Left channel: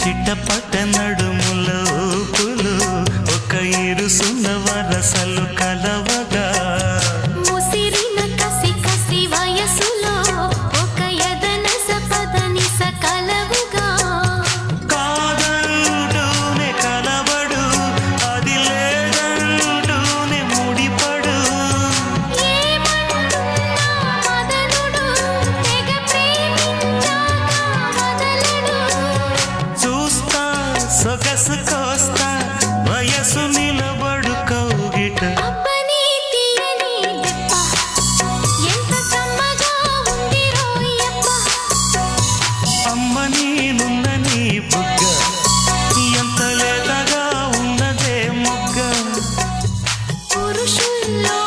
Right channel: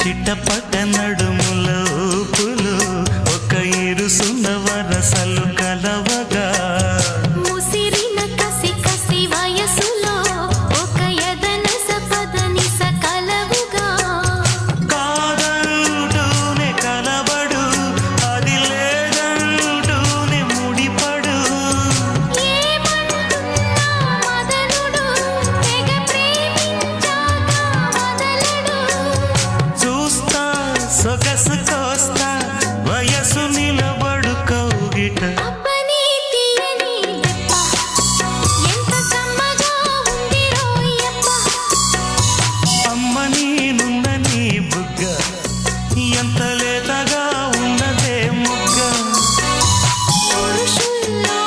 చిట్టపట్ట నడుముల ఊపులు ఒక ఇరుసున్న వరసలు కలవగా ముసిరిన కసి కసి వయసులో ఒక యదన సపదని సకలవుగా కాదంటూనే కలబడు అది లేదంటూనే ముడిపడు ఏమంటున్నా మదనుడు తెగ ప్రేమించాక వదలడు చూస్తా సొగసు కోస్తా వయసు నిలబడు కౌగిట అబ్బని తీయని దెబ్బ ఎంత కమ్మగా ఉంది రోయప్ప అమ్మ నేనున్న నీ బుగ్గ ఎంత లేతగా ఉన్నదే మొగ్గ పురుషుల్లో